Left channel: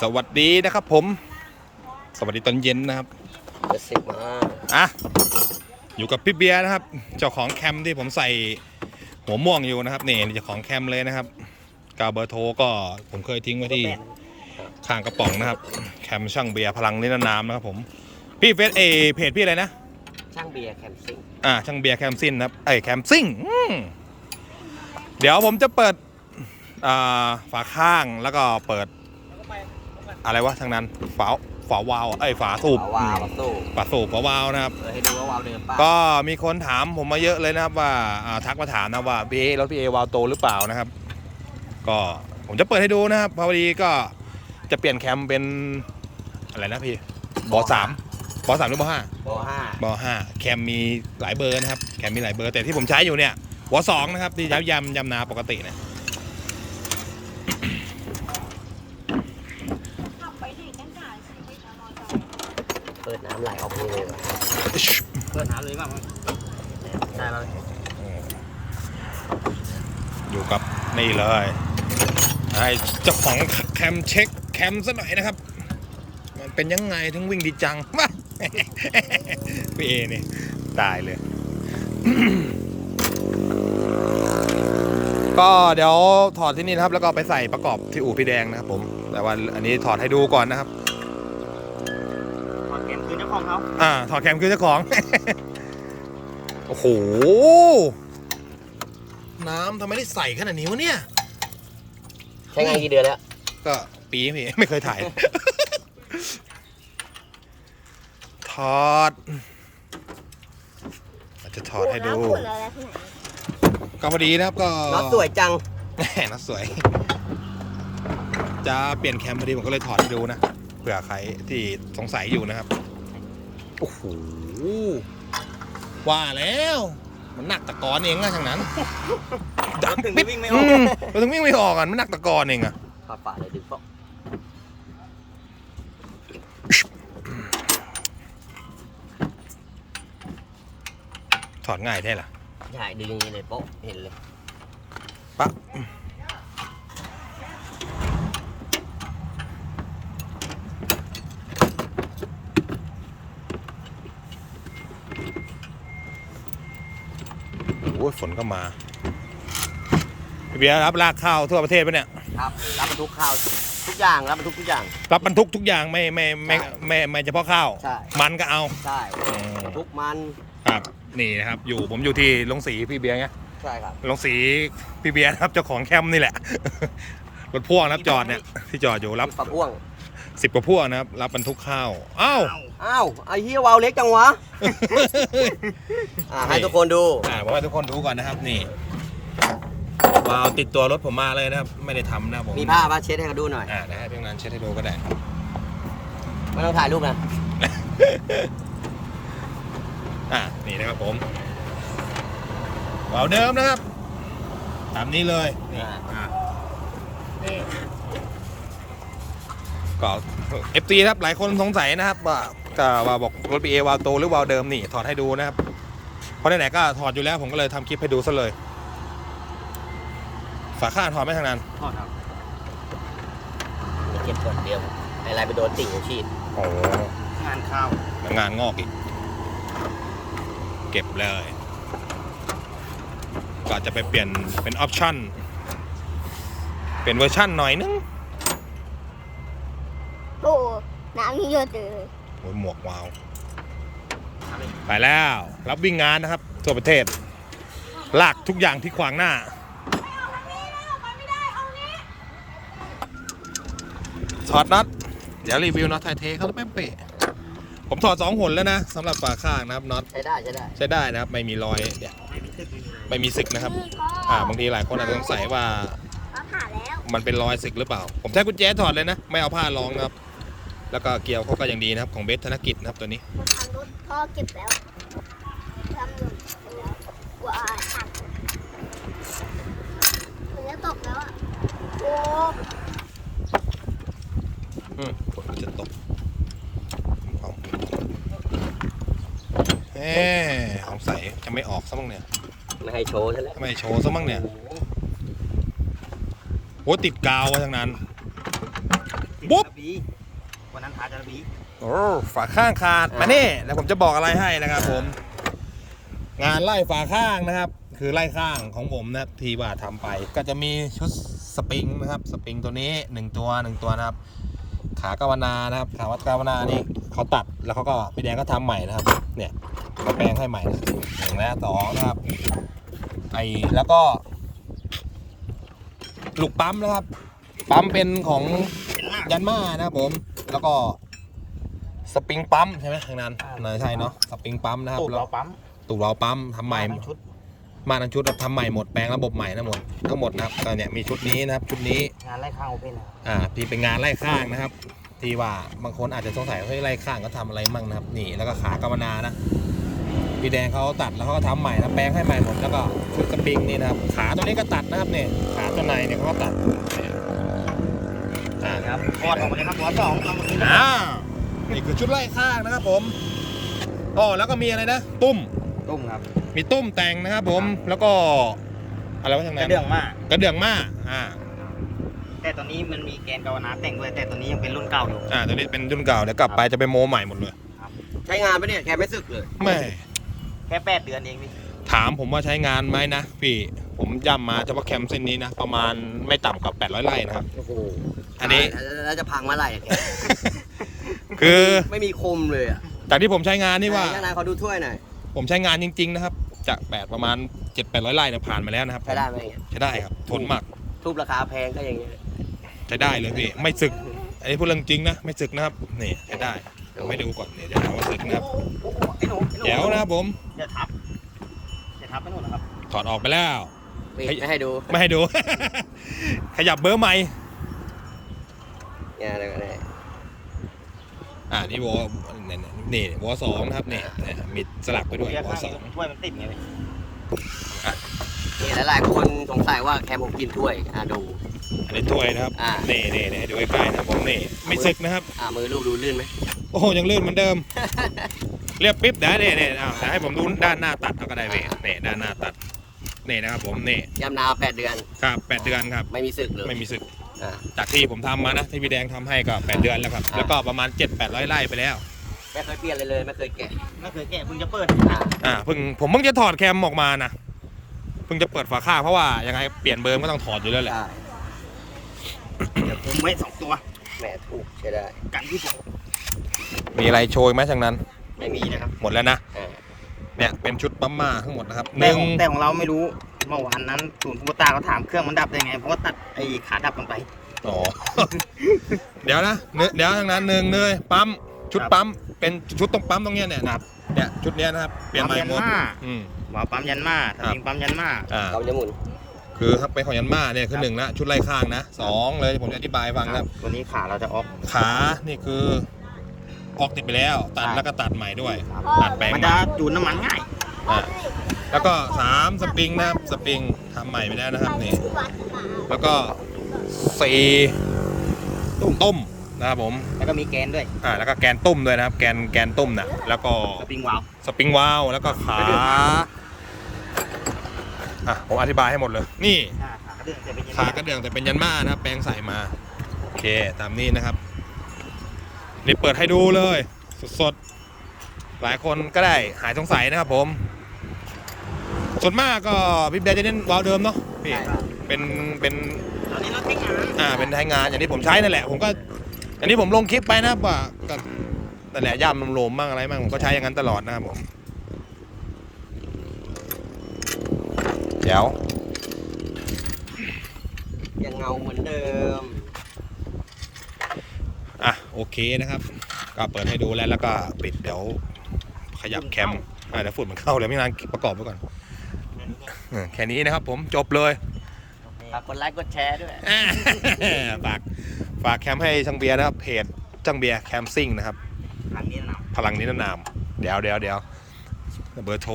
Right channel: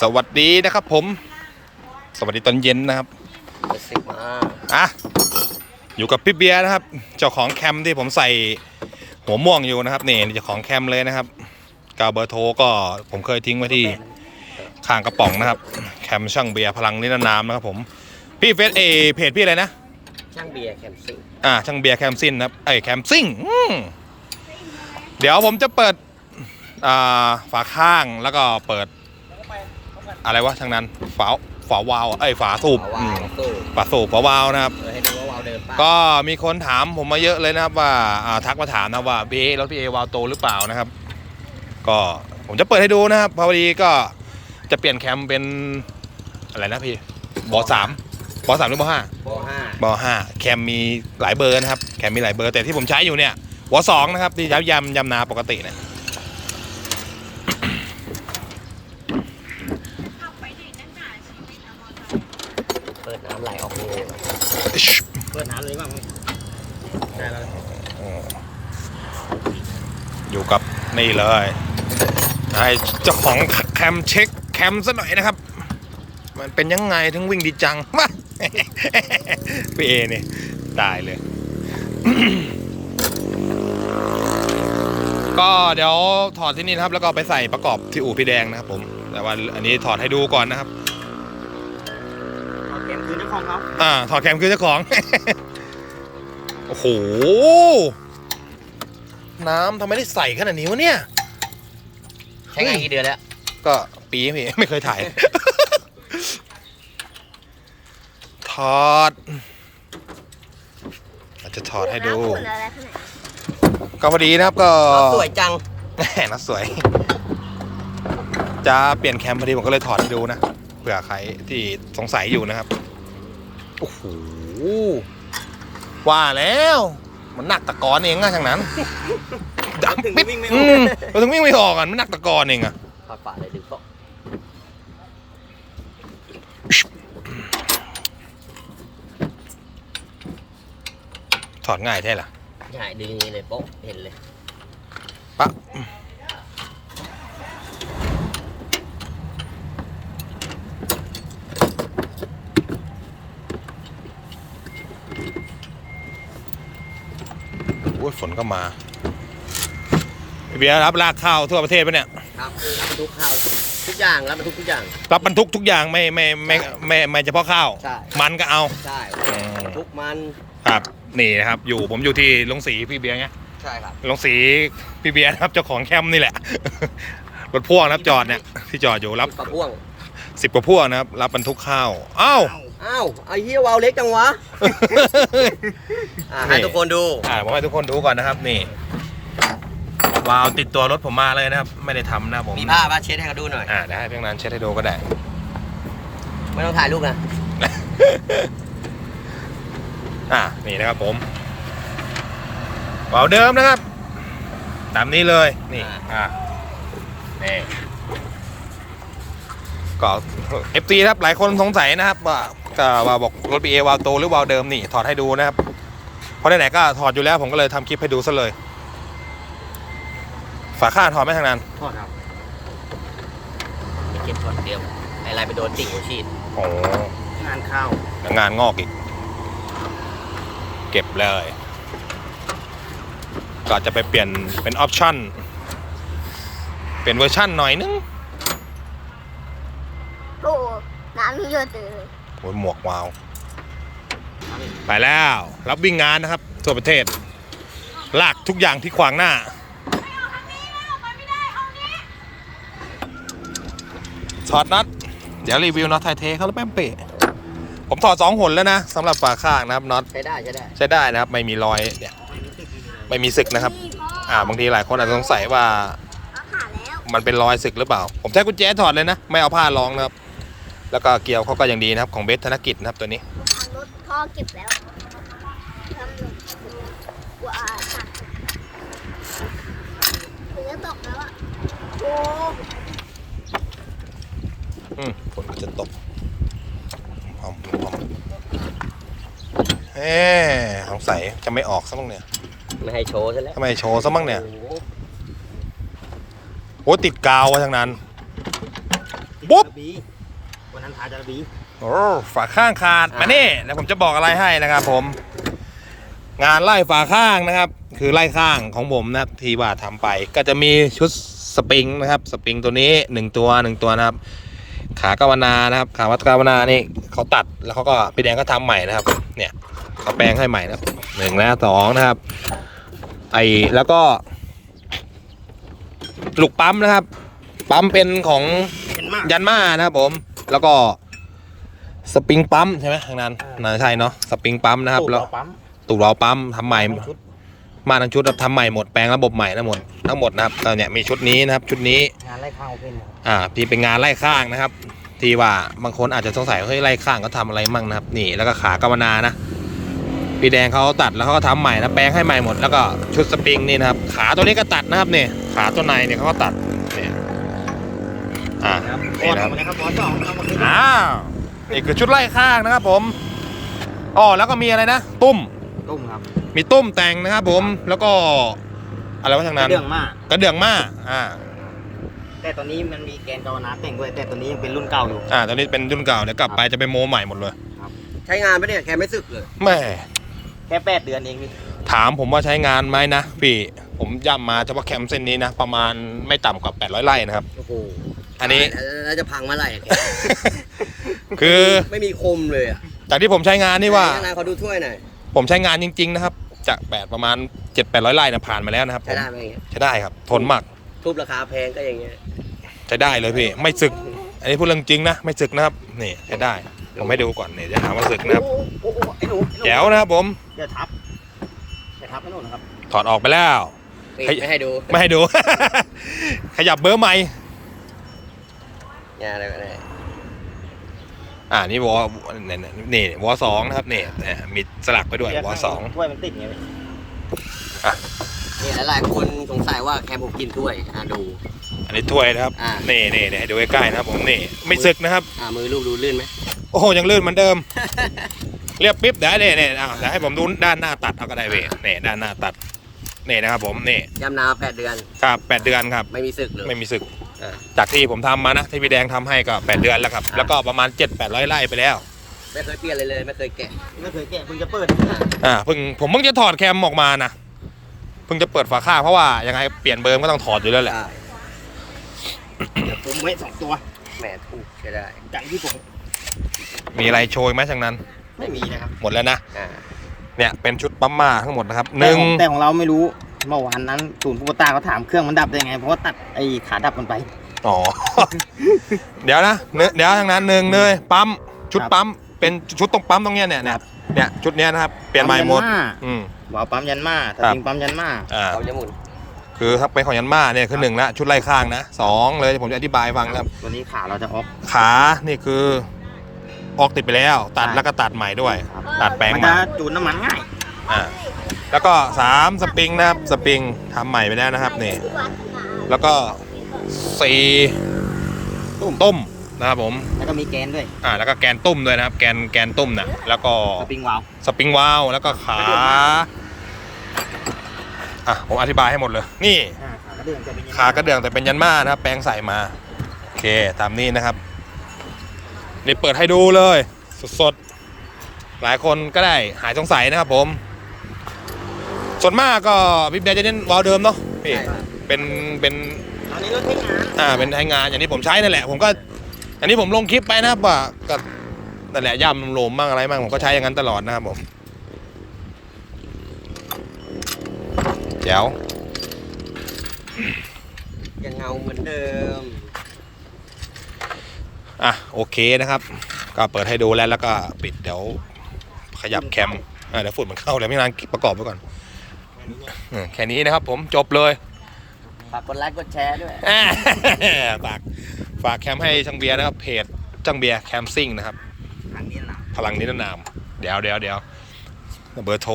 สวัสดีนะครับผม สวัสดีตอนเย็นนะครับจะสิบมาอะอยู่กับพี่เบียร์นะครับ เจ้าของแคมที่ผมใส่หัวม่วงอยู่นะครับนี่เจ้าของแคมเลยนะครับกาวเบอร์โทรก็ผมเคยทิ้งไว้ที่ข้างกระป๋องนะครับ แคมช่างเบียร์พลังนิรนามนะครับผมพี่เฟซเอเพจพี่อะไรนะช่างเบียร์แคมซิ่งอ่าช่างเบียร์แคมซินนะครับไอ้ยแคมซิ่งอืมเดี๋ยวผมจะเปิดอ่าฝาข้างแล้วก็เปิด อะไรวะทางนั้น ฝาฝาวาล์วไอ้ยฝาสูบอืว้ามวตู้ฝาสูบฝาวาล์วนะครับ เออให้ดูว่าวาวเดิมป่ะก็มีคนถามผมมาเยอะเลยนะครับว่าอ่าทักมาถามนะว่าพี่เอรถพี่เอวาล์วโตหรือเปล่านะครับ ก็ผมจะเปิดให้ดูนะครับพอดีก็จะเปลี่ยนแคมเป็นอะไรนะพี่บอสามบอสามหรือบอห้าโบห้าบอห้าแคมมีหลายเบอร์นะครับแคมมีหลายเบอร์แต่ที่ผมใช้อยู่เนี่ยวอสองนะครับที่ย้ำยำยำนาปกติเนะ ปิดน้ำไหลออกเลยว่ะเปิดน้ำเลยมั้งใช่ไหมอยู่กับนี่เลยให้เจ้าของแคมเช็คแคมซะหน่อยนะครับ มันเป็นยังไงถึงวิ่งดีจังมาพี่เอเนี่ยตายเลย ก็เดี๋ยวถอดที่นี่นะครับ แล้วก็ไปใส่ประกอบที่อู่พี่แดงนะครับผม แต่ว่าอันนี้ถอดให้ดูก่อนนะครับ ขอเกมคืนเจ้าของเขาอ่าถอดแคมคือเจ้าของ โอ้โห น้ำทำไมได้ใส่ขนาดนี้วะเนี่ย ใช้งานกี่เดือนแล้วก็ปีพี่ ไม่เคยถ่าย ถอดอาจจะถอดให้ดูก็พอดีนะครับก็ สวยจัง แหมน่าสวย จะเปลี่ยนแคมพอดีผมก็เลยถอดให้ดูนะ เผื่อใครที่สงสัยอยู่นะครับ โอ้โห ว่าแล้ว มันหนักตะกอนเองอะทางนั้นดักถึงปิดวิ่งไม่ออือกมเราถึงวิ่งไม่ออกอะมันหนักตะกอนเองอะฝาฝาเลยดึงเกาะถอดง่ายแท้ล่ะใช่ดึงอย่างนี้เลยโป๊ะเห็นเลยปะ โอ้ยฝนก็มาพี่เบียร์รับลากข้าวทั่วประเทศปะเนี่ยครับรับบรรทุกข้าวทุกอย่างรับบรรทุกทุกอย่าง รับบรรทุกทุกอย่างไม่ไม่ไม่ไม่ไม่เฉพาะข้าว ใช่ มันก็เอาใช่อืมทุกมันครับนี่นะครับอยู่ผมอยู่ที่ลงสีพี่เบียร์เนี่ยใช่ครับลงสีพี่เบียร์นะครับเจ้าของแคมป์นี่แหละ รถพ่วงนะครับจอดเนี่ยที่จอดอยู่รับปะพ่วงสิบกว่าพ่วงนะครับ รับบรรทุกข้าวอ้าว อ้าวไอ้เหี้ยวาวเล็กจังวะอะให้ทุกคนดู อ่าผมให้ทุกคนดูก่อนนะครับ นี่วาล์วติดตัวรถผมมาเลยนะครับ ไม่ได้ทำนะผมมีผ้ามาเช็ดให้เขาดูหน่อย อ่าเดี๋ยวให้เพียงนั้นเช็ดให้ดูก็ได้ ไม่ต้องถ่ายรูปเลยอ่านี่นะครับผมวาล์วเดิมนะครับ ตามนี้เลยนี่อ่านี่ก็เอฟซีครับหลายคนสงสัยนะครับว่า ก็ว่าบอกรถบีเอวาล์วโตหรือวาล์วเดิมนี่ถอดให้ดูนะครับเพราะไหนๆก็ถอดอยู่แล้วผมก็เลยทำคลิปให้ดูซะเลย ฝาข้างถอดไม่ทางนั้นทอดครับเก็บก่อนเตรียมไอะไรไปโดนจิ่งหัวฉีดโอ้งานข้าวเดี๋ยวงานงอกอีก เก็บเลย ก็จะไปเปลี่ยนเป็นออปชั่น เป็นเวอร์ชั่นหน่อยนึง โอ้น้ำเยอะเลย โอ้ยหมวกวาว ไปแล้ว รับวิ่งงานนะครับ ทั่วประเทศ ลากทุกอย่างที่ขวางหน้าถอดน็อตเดี๋ยวรีวิวน็อตไทยเทเขาแล้วแป๊มเปะผมถอดสองหนแล้วนะสำหรับฝาข้างนะครับน็อตใช้ได้ใช้ได้ใช้ได้นะครับ ไม่มีรอยเนี่ยไม่มีสึกนะครับ อ่าบางทีหลายคนอาจจะสงสัยว่าเอาผ่าแล้วมันเป็นรอยสึกหรือเปล่า ผมใช้กุญแจถอดเลยนะ ไม่เอาผ้ารองนะครับ แล้วก็เกียวเขาก็ยังดีนะครับของเบสธนกิจนะครับตัวนี้ทำรถพ่อเก็บแล้วทำหนูเก็บแล้วว้าตัดมันจะตกแล้วอะโอ้อืมฝนก็จะตกพร้อมพร้อมเอ๊สงสัยจะไม่ออกซะบ้างเนี่ยไม่ให้โชว์ซะแล้วทำไมโชว์ซะบ้างเนี่ยโอ้โหโอ้ติดกาวไว้ทั้งนั้นปุ๊บระเบีดี วันนั้นพาจะดีโอ้ฝาข้างขาดมานี่แล้วผมจะบอกอะไรให้นะครับ ผม งานไล่ฝาข้างนะครับ คือไล่ข้างของผมนะครับที่ว่าทำไป ก็จะมีชุดสปริงนะครับสปริงตัวนี้หนึ่งตัวหนึ่งตัวนะครับ ขากาวนานะครับ ขาวัดกาวนานี่เขาตัดแล้วเขาก็พี่แดงก็ทำใหม่นะครับ เนี่ยเขาแปลงให้ใหม่นะครับหนึ่งนะสองนะครับ ไอแล้วก็ลูกปั๊มนะครับ ปั๊มเป็นของเป็นมากยันมานะครับผม แล้วก็สปริงปั๊มใช่ไหมทางนั้นน่าใช่เนาะสปริงปั๊มนะครับตู้แล้วเราปั๊มตูดเราปั๊มทำใหม่ชุดมาทั้งชุดทำใหม่หมดแปลงระบบใหม่ทั้งหมดทั้งหมดนะครับตอนเนี้ยมีชุดนี้นะครับชุดนี้งานไล่ข้าวเป็นนะครับอ่าที่เป็นงานไล่ข้างนะครับที่ว่าบางคนอาจจะสงสัยว่าเฮ้ยไล่ข้างเขาทำอะไรมั่งนะครับ นี่แล้วก็ขากาวนานะพี่แดงเขาตัดแล้วเขาก็ทำใหม่นะแปลงให้ใหม่หมดแล้วก็ชุดสปริงนี่นะครับ ขาตัวนี้ก็ตัดนะครับเนี่ยขาตัวในเนี่ยเขาก็ตัดเนี่ยอ่าครับ นี่ก็นะครับทำอะไรครับหมอสองเอามาคืนอ้าวนี่คือชุดไล่ข้างนะครับผมอ๋อแล้วก็มีอะไรนะ ตุ้มตุ้มครับมีตุ้มแต่งนะครับผมแล้วก็อะไรวะทางนั้นเรื่องมากกระเดื่องมาอ่าแต่ตัวนี้มันมีแกนกาวนาแต่งด้วยแต่ตัวนี้ยังเป็นรุ่นเก่าอยู่อ่าตอนนี้เป็นรุ่นเก่าเดี๋ยวกลับไปจะไปโมใหม่หมดเลยใช้งานไปเนี่ยแค่ไม่สึกเลยแม่แค่แปดเดือนเองนี่ถามผมว่าใช้งานไหมนะพี่ผมย่ำมาเฉพาะแคมป์เส้นนี้นะ ประมาณไม่ต่ำกว่า 800 ไร่นะครับ โอ้โห อันนี้ แล้วจะพังเมื่อไหร่อะแกคือไม่มีคมเลยอะจากที่ผมใช้งานนี่ว่าใช้งานเขาดูถ้วยหน่อย ผมใช้งานจริง ๆ นะครับ จากแปดประมาณ7 8 0 0ไร่นะผ่านมาแล้วนะครับผใช้มได้ไหมอย่างเงี้ย ใช้ได้ครับ ทนมากทุบราคาแพงก็อย่างเงี้ยใช้ได้เลยพี่ ไม่สึก อันนี้พูดเรื่องจริงนะ ไม่สึกนะครับ นี่ใช้ได้ ผมให้ดูก่อนเนี่ยจะหาว่าสึกนะครับ โอ้โหไอ้หนูไอ้หนูแจ๋วนะครับผมเดี๋ยวทับเดี๋ยวทับไปโน่นนะครับถอดออกไปแล้ว ปิดให้ไม่ให้ดู ไม่ให้ดู ขยับเบอร์ใหม่ เนี่ยอะไรอะไรอ่านี่วอนี่นี่นี่วอสองนะครับนี่อ่ามีสลักไปด้วยวอสองถ้วยมันติดไงเนี่ยหลายๆคนสงสัยว่าแคมผมกินถ้วยอะดู อันนี้ถ้วยนะครับอ่านี่นี่นี่นี่ให้ดูใกล้ๆนะครับผมนี่ไม่สึกนะครับ อ่ามือลูกดูลื่นไหมโอ้โหยังลื่นเหมือนเดิม เรียบปิ๊บเดี๋ยวเนี่ยเนี่ยอ้าวเดี๋ยวให้ผมดูด้านหน้าตัดเอาก็ได้เว้ยนี่ด้านหน้าตัดนี่นะครับผมนี่ยำนาแปดเดือน ครับแปดเดือนครับ ไม่มีสึกเลยไม่มีสึกอ่า จากที่ผมทำมานะที่พี่แดงทำให้ก็แปดเดือนแล้วครับ แล้วก็ประมาณ 7 8 0 0ไร่ไปแล้ว ไม่เคยเปลี่ยนอะไรเลย ไม่เคยแกะ ไม่เคยแกะเพิ่งจะเปิด อ่าเพิ่งผมเพิ่งจะถอดแคมออกมานะเพิ่งจะเปิดฝาข้างเพราะว่ายังไงเปลี่ยนเบอร์มก็ต้องถอดอยู่แล้วแหละอ่าเดี๋ยวผมไว้สองตัวแหมถูกใช้ได้ กันที่ผม มีอะไรโชยไหมทางนั้น ไม่มีนะครับ หมดแล้วนะอ่าเนี่ยเป็นชุดปั๊มมาทั้งหมดนะครับหนึ่งแต่ของเราไม่รู้ เมื่อวานนั้นศูนย์คูโบต้าเขาถามเครื่องมันดับได้ไง เพราะว่าตัดไอ้ขาดับมันไป อ๋อ เดี๋ยวนะเนเดี๋ยวทางนั้นหนึ่งเลยปั๊มชุดครับปั๊มเป็นชุดตรงปั๊มตรงเนี้ยเนี่ยเนี่ยเนี่ยชุดเนี้ยนะครับเปลี่ยนใหม่หมดยันมา อืม หมอปั๊มยันมาสครับปริงปั๊มยันมาอ่าทำจะหมุนคือถ้าเป็นของยันมาเนี่ยคือหนึ่งละชุดไล่ข้างนะสองเลยผมจะอธิบายให้ฟังนะครับ ตัวนี้ขาเราจะออก ขานี่คือออกติดไปแล้ว ตัดแล้วก็ตัดใหม่ด้วย ตัดแปลงมันใหจะม่จูนน้ำมันง่ายอ่า แล้วก็สามสปริงนะครับสปริงทำใหม่ไปแล้วนะครับนี่ที่วัดขนาดแล้วก็สี่ตุ้มต้มนะครับผมแล้วก็มีแกนด้วยอ่าแล้วก็แกนตุ้มด้วยนะครับ แกนแกนตุ้มนะแล้วก็สปริงวาล์วสปริงวาลวแล้วก็ขาอะผมอธิบายให้หมดเลย นี่อ่าขากระเดื่องจะเป็นยังไงขากระเดื่องแต่เป็นยันมานะครับแปลงใส่มาโอเคตามนี้นะครับนี่เปิดให้ดูเลย สดๆหลายคนก็ได้หายสงสัยนะครับผม ส่วนมากก็พี่เบียร์จะเน้นวาล์วเดิมเนาะพี่ใช่ครับ เป็นเป็นตอนนี้เราใช้งานอ่าเป็นใช้งานอย่างที่ผมใช้นั่นแหละ ผมก็อันนี้ผมลงคลิปไปนะครับว่าก็นั่นแหละย่ำโลมๆบ้างอะไรบ้างผมก็ใช้อย่างนั้นตลอดนะครับผมเดี๋ยวยังเงาเหมือนเดิมอะโอเคนะครับ ก็เปิดให้ดูแล้วแล้วก็ปิดเดี๋ยวขยับแคมอะเดี๋ยวฝุ่นมันเข้าเลยไม่นานประกอบไว้ก่อนแค่นี้ เนี่ยอืมแค่นี้นะครับผมจบเลยฝากกดไลค์กดแชร์ด้วยอ่า ฝากฝากแคมให้ช่างเบียร์นะครับเพจช่างเบียร์แคมซิ่งนะครับ อันนี้นะพลังนิรนาม เดี๋ยวเดี๋ยวเดี๋ยวเบอร์โทร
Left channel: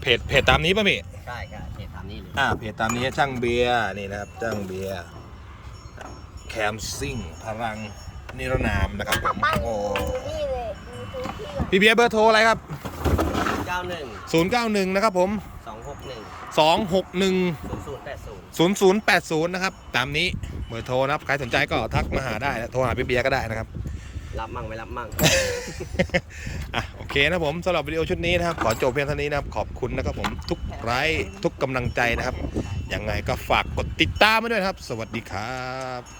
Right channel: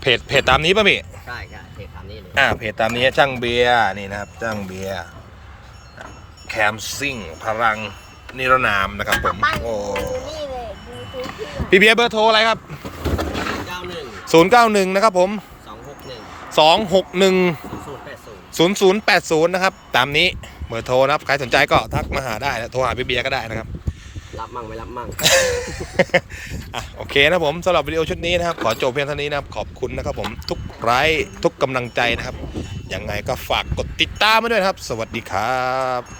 เพจเพจตามนี้ป่ะพี่ใช่ใช่เทปตามนี้เลยอ่าเพจตามนี้ช่างเบียร์นี่นะครับช่างเบียร์แคมซิ่งพลังนิรนามนะครับผมโอ้นี่เลยดูดูพี่เบียร์เบอร์โทรอะไรครับเก้าหนึ่ง091 นะครับผมสองหกหนึ่ง 261ศูนย์แปดศูนย์0080 นะครับ ตามนี้เบอร์โทรนะครับ ใครสนใจก็ทักมาหาได้นะโทรหาพี่เบียร์ก็ได้นะครับ รับมั่งไม่รับมั่ง อะโอเคนะผมสำหรับวิดีโอชุดนี้นะครับ ขอจบเพียงเท่านี้นะครับ ขอบคุณนะครับผมทุกไลค์ทุกกำลังใจนะครับยังไงก็ฝากกดติดตามมาด้วยนะครับ สวัสดีครับ